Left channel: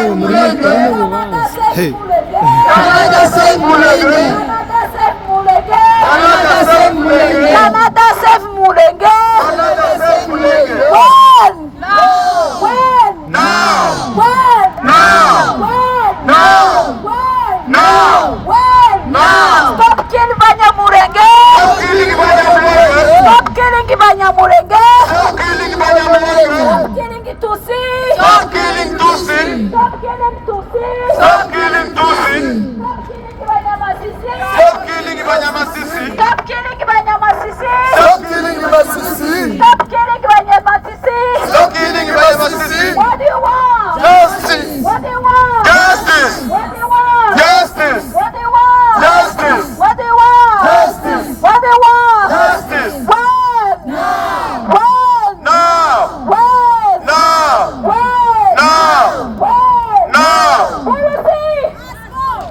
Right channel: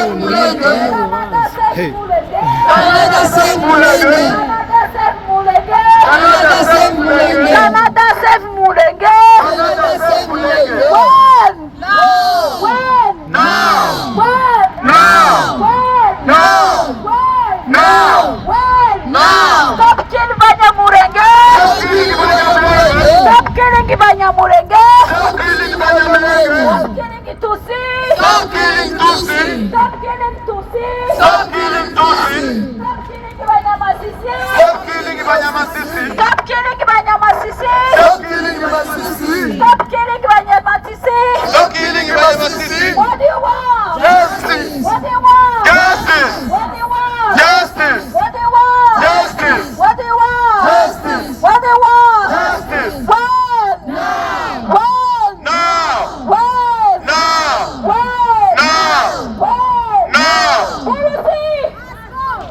Hey. Canada save Mulenge. Canada save Mulenge. Canada save Mulenge. Canada save Mulenge. When? No. When? Now. When? Now. When? Now. When? Now. When? Now. Stop killing Mulenge. Stop killing Mulenge. Stop killing Mulenge. Stop killing Mulenge. Stop killing Tutsi. Stop killing Tutsi. Stop killing Tutsi. Stop killing Tutsi. Stop killing Ibyaranze. Stop killing Ibyaranze. Stop killing Ibyaranze. Stop killing Ibyaranze. Stop killing Ibyaranze. What do you want? Justice. What do you want? Justice. What do you want? Justice. What do you want? Justice. What do you want? Justice. What do you want? Justice. When? Now. When? Now. When? Now. When? Now. When? Now. Policy.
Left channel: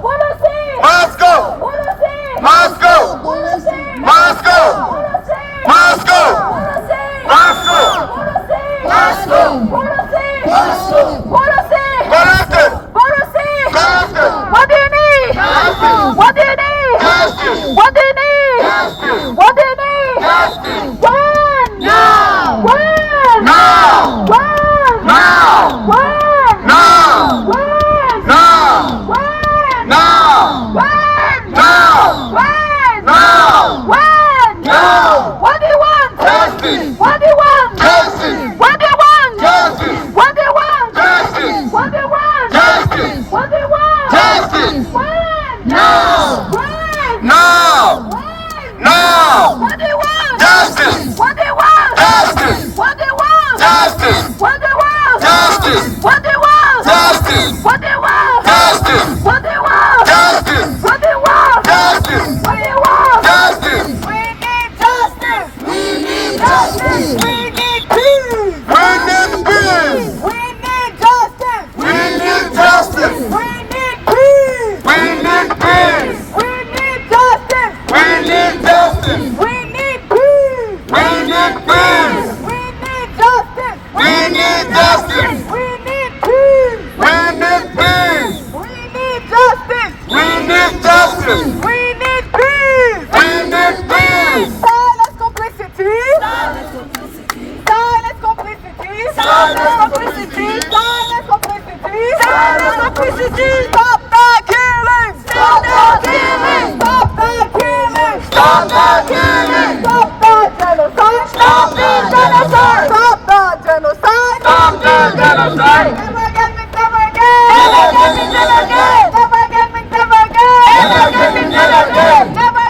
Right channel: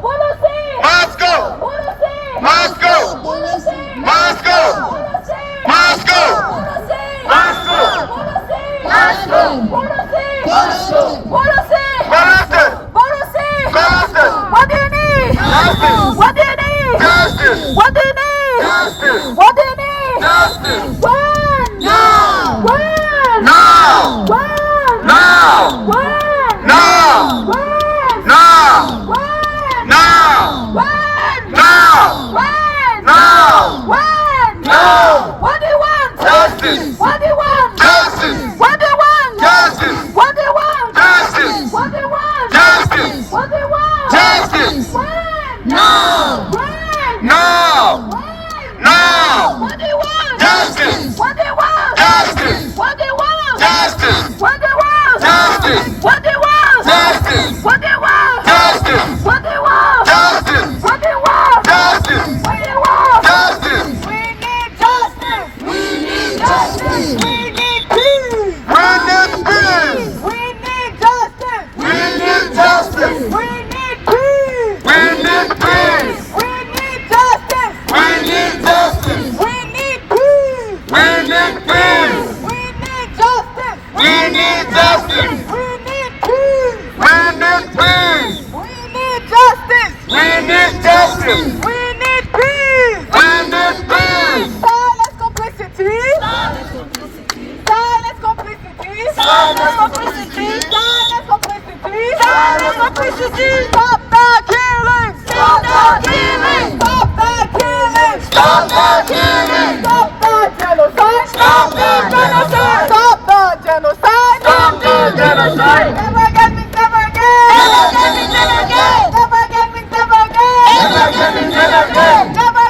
Policy. Moscow. Policy. Moscow. Policy. Moscow. Policy. Moscow. Policy. Moscow. Policy. Moscow. Policy. Moscow. Policy. Policy. Policy. Policy. What do you need? Justice. What do you need? Justice. What do you need? Justice. What do you need? Justice. When? Now. When? Now. When? Now. When? Now. When? Now. When? Now. When? Now. When? Now. When? Now. What do you want? Justice. What do you want? Justice. What do you want? Justice. What do you want? Justice. What do you want? Justice. What do you want? Justice. When? Now. When? Now. When? Now. What do you want? Justice. What do you want? Justice. What do you want? Justice. What do you want? Justice. What do you want? Justice. What do you want? Justice. What do you want? Justice. What do you want? Justice. What do you want? Justice. We need justice. We need justice. We need peace. We need peace. We need justice. We need justice. We need peace. We need peace. We need justice. We need justice. We need peace. We need peace. We need justice. We need justice. We need peace. We need peace. We need justice. We need justice. We need peace. We need peace. Silence complicity. Silence complicity. Silence complicity. Silence complicity. Silence complicity. Silence complicity. Stop that killing. Stop that killing. Stop that killing. Stop that killing. Stop that genocide. Stop that genocide. Stop that genocide. Stop that genocide. Never again, never again. Never again, never again. Never again, never again. Never again, never again. Never again,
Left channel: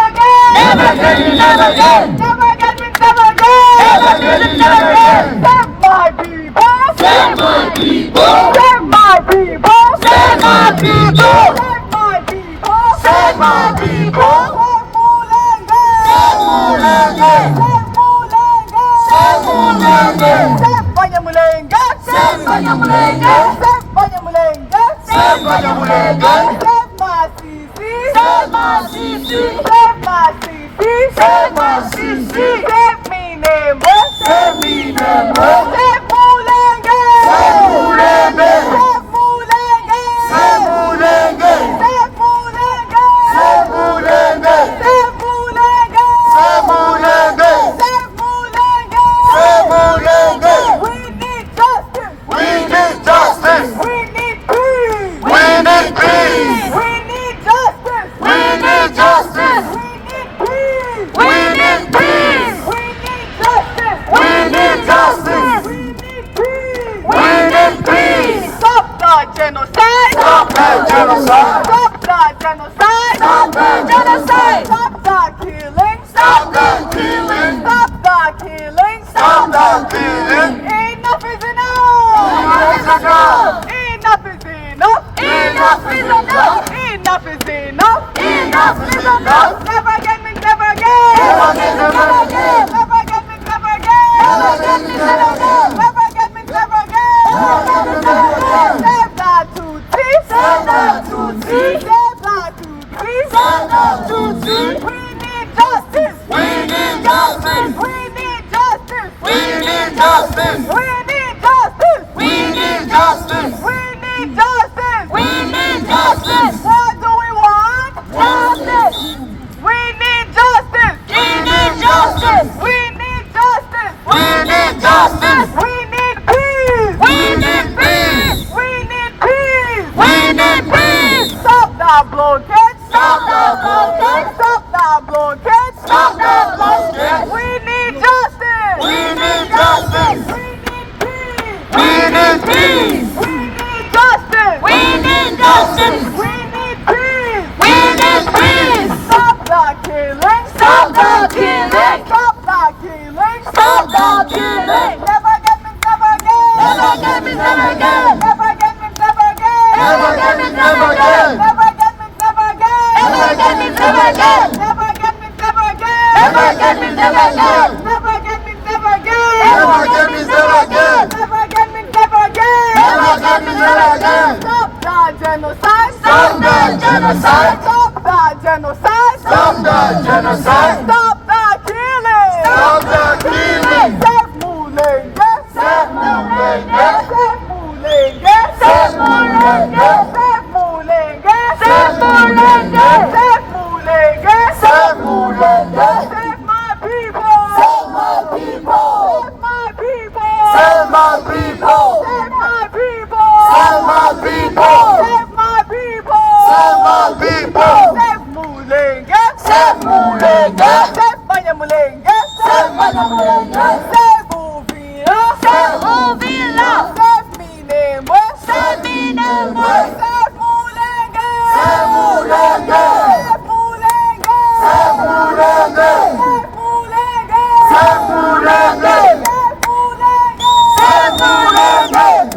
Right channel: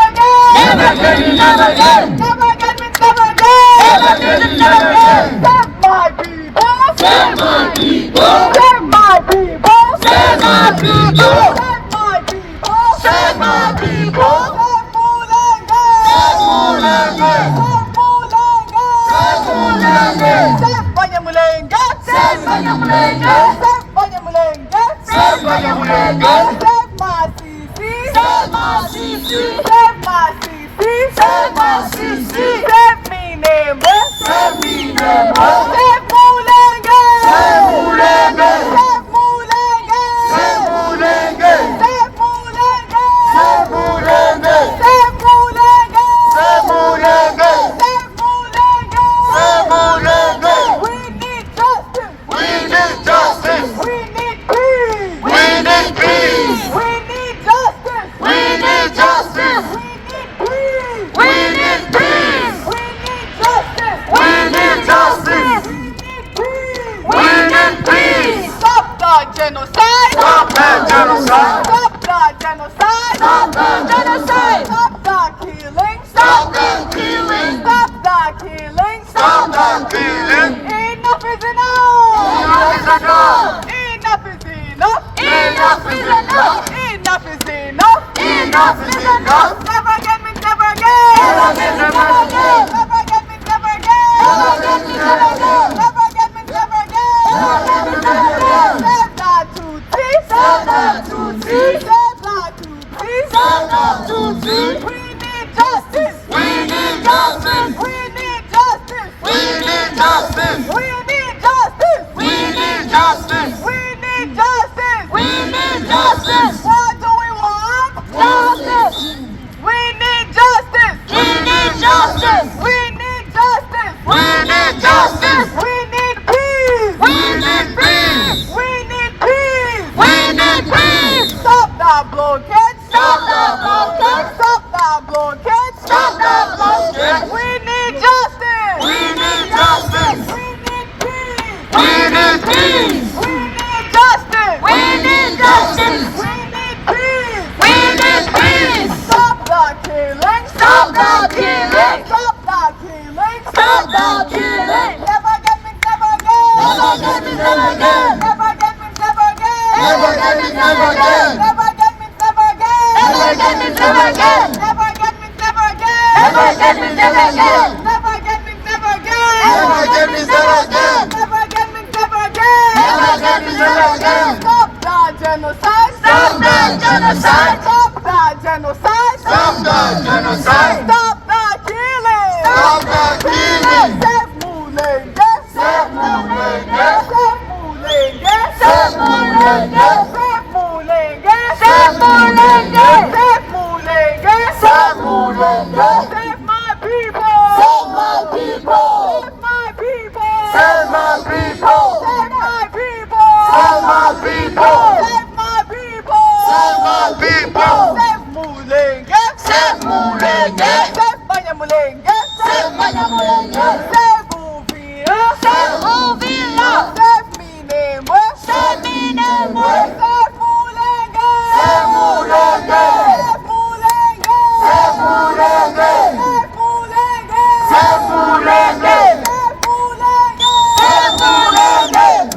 never again. Never again, never again. Never again, never again. Never again, never again. Save my people. Save my people. Save my people. Save my people. Save my people. Save Mulenge. Save Mulenge. Save Mulenge. Save Mulenge. Save Mulenge. Save Mulenge. Save Mulenge. Save my Sisi. Save my Sisi. Save my Sisi. Save my Sisi. Save me name. Save me name. Save Mulenge. Save Mulenge. Save Mulenge. Save Mulenge. Save Mulenge. Save Mulenge. Save Mulenge. Save Mulenge. Save Mulenge. Save Mulenge. We need justice. We need justice. We need peace. We need peace. We need justice. We need justice. We need peace. We need peace. We need justice. We need justice. We need peace. We need peace. Stop the genocide. Stop the genocide. Stop the genocide. Stop the genocide. Stop the killing. Stop the killing. Stop the killing. Stop the killing. Enough is enough. Enough is enough. Enough is enough. Enough is enough. Enough is enough. Enough is enough. Never again, never again. Never again, never again. Never again, never again. Never again, never again. Never again, never again. Never again, never again. Save the Tutsi. Save the Tutsi. Save the Tutsi. Save the Tutsi. We need justice. We need justice. We need justice. We need justice. We need justice. We need justice. We need blockade! Stop the blockade! Stop the blockade! Stop the blockade! We need justice! We need justice! We need peace! We need justice! We need justice! We need peace! We need peace! Stop the killing! Stop the killing! Stop the killing! Stop the killing! Never get me, never again! Never get me, never again! Never get me, never again! Never get me, never again! Never get me, never again! Never get me, never again! Never get me, never again! Never get me, never again! Never get me, never again! Never get me, never again! Never get me, never again! Never get me, never again! Stop the genocide! Stop the genocide! Stop the genocide! Stop the genocide! Stop the killing! Stop the killing! Save Mulenge! Save Mulenge! Save Mulenge! Save Mulenge! Save Mulenge! Save Mulenge! Save Mulenge! Save my people! Save my people! Save my people! Save my people! Save my people! Save my people! Save my people! Save my people! Save Mulenge! Save Mulenge! Save Mulenge! Save Mulenge! Save Uvira! Save Uvira! Save Minembwe! Save Minembwe! Save Mulenge! Save Mulenge! Save Mulenge! Save Mulenge! Save Mulenge! Save Mulenge!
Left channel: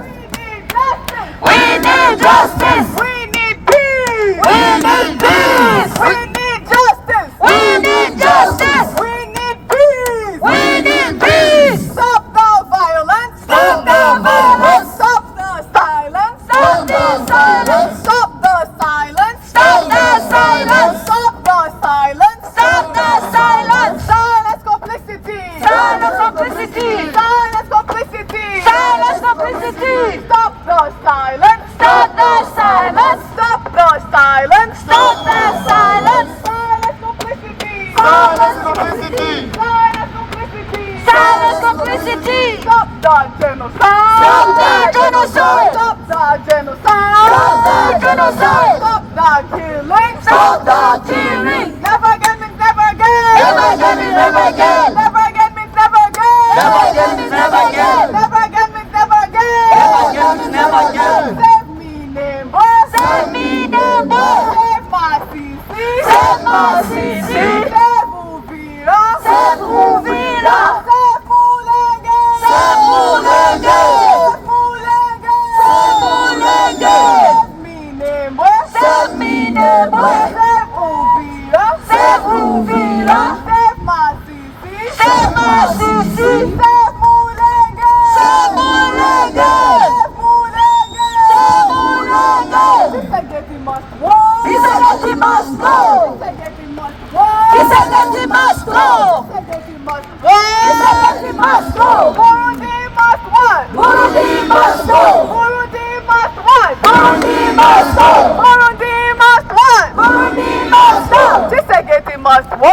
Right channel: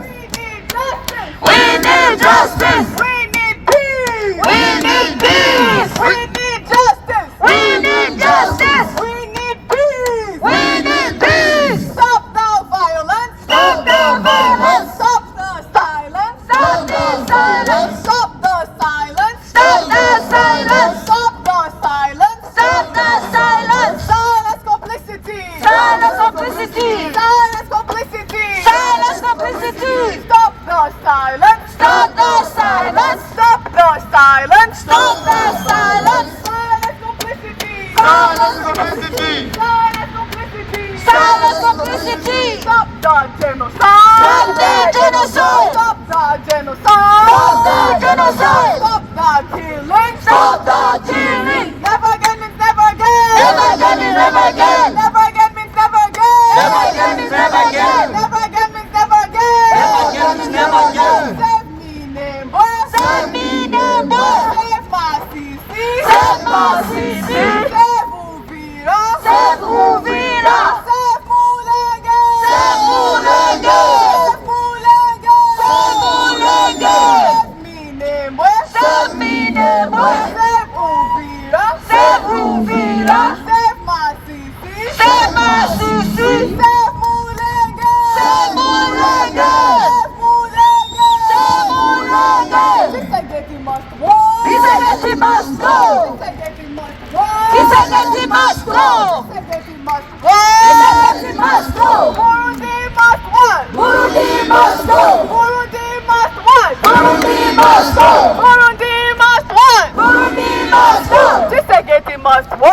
We need justice! We need peace! We need peace! We need justice! We need justice! We need peace! We need peace! Stop the violence! Stop the violence! Stop the silence! Stop the silence! Stop the silence! Stop the silence! Stop the silence! Stop the silence! Silence complicity! Silence complicity! Silence complicity! Silence complicity! Stop the silence! Stop the silence! Stop the silence! Stop the silence! Silence complicity! Silence complicity! Silence complicity! Silence complicity! Stop the genocide! Stop the genocide! Stop the genocide! Stop the genocide! Stop the killing! Stop the killing! Never get me, never again! Never get me, never again! Never get me, never again! Never get me, never again! Never get me, never again! Never get me, never again! Save me, Nembo! Save me, Nembo! Save my Sisi! Save my Sisi! Save Uvira! Save Uvira! Save Mulenge! Save Mulenge! Save Mulenge! Save Mulenge! Save me, Nembo! Save me, Nembo! Save Uvira! Save Uvira! Save my Sisi! Save my Sisi! Save Mulenge! Save Mulenge! Save Mulenge! Save Mulenge! Isegeti must go! Isegeti must go! Isegeti must go! Isegeti must go! Isegeti must go! Isegeti must go! Burundi must what? Burundi must go! Burundi must what? Burundi must go! Burundi must what? Burundi must go! Isegeti must go!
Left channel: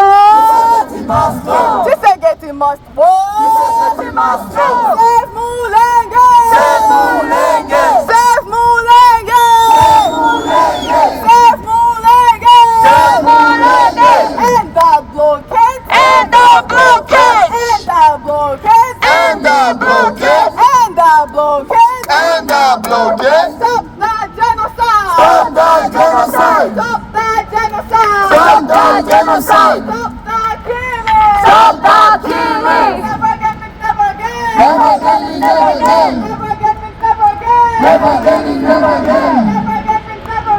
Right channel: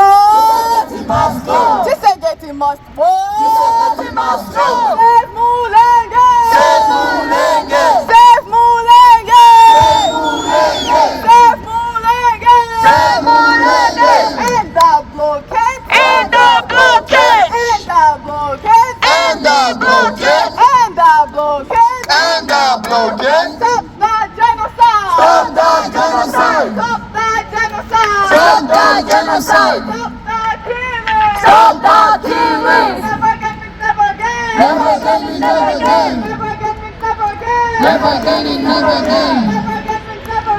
Isegeti must go! Isegeti must go! Isegeti must go! Save Mulenge! Save Mulenge! Save Mulenge! Save Mulenge! Save Mulenge! Save Mulenge! End the blockade! End the blockade! End the blockade! End the blockade! End the blockade! End the blockade! Stop the genocide! Stop the genocide! Stop the genocide! Stop the genocide! Stop the killing! Stop the killing! Never get me, never again! Never get me, never again! Never get me, never again! Never get me, never again!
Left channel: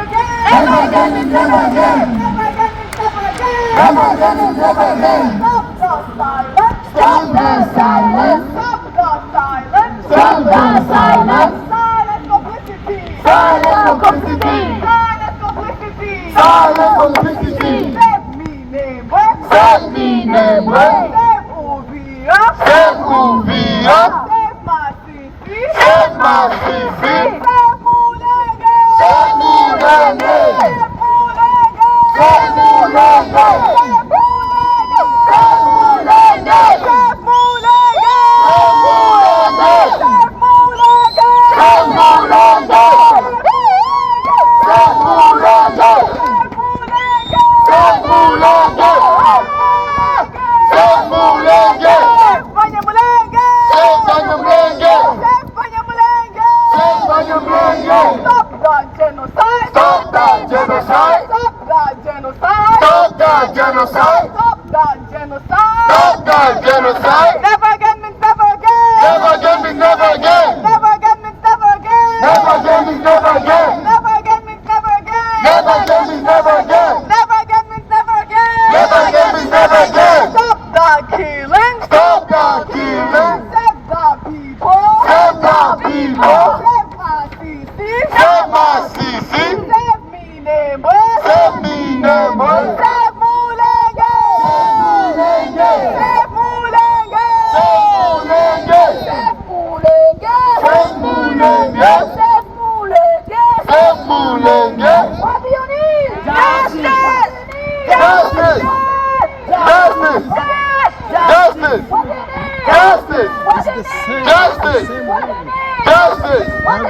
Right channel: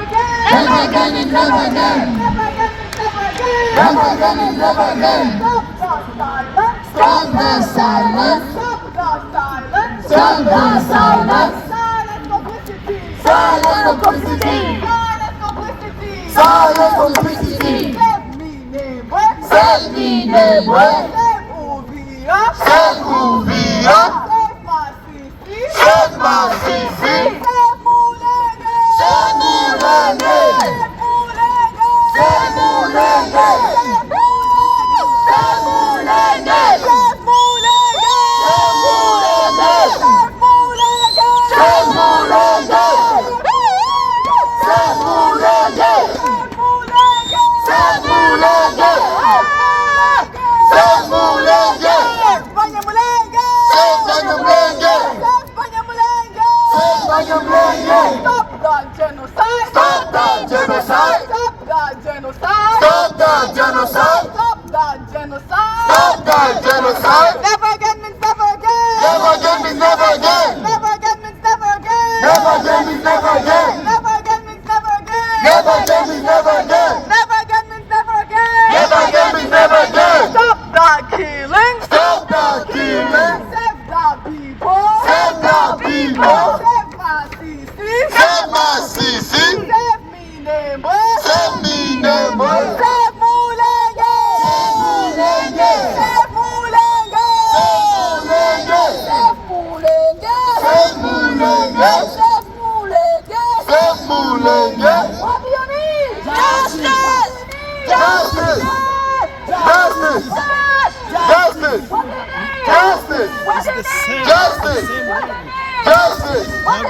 Never get me, never again! Never get me, never again! Never get me, never again! Never get me, never again! Stop the silence! Stop the silence! Stop the silence! Stop the silence! Silence complicity! Silence complicity! Silence complicity! Silence complicity! Save me, Nembo! Save me, Nembo! Save Uvira! Save Uvira! Save my Sisi! Save my Sisi! Save Mulenge! Save Mulenge! Save Mulenge! Save Mulenge! Save Mulenge! Save Mulenge! Save Mulenge! Save Mulenge! Save Mulenge! Save Mulenge! Save Mulenge! genocide! Stop that genocide! Stop that genocide! Stop that genocide! Stop that genocide! Never again means never again! Never again means never again! Never again means never again! Never again means never again! Never again means never again! Never again means never again! Never again means never again! Never again means never again! Stop that killing! Stop that killing! Save the people! Save the people! Save my CC! Save my CC! Save me neighbor! Save me neighbor! Save Mulenge! Mulenge! Save Mulenge! Save Mulenge! Save Mulenge! Save Mulenge! Save Mulenge! Save Mulenge! What do you need? Justice! Justice! Justice! Justice! What do you need? Justice! What do you need? Justice! What do you need? Justice! What do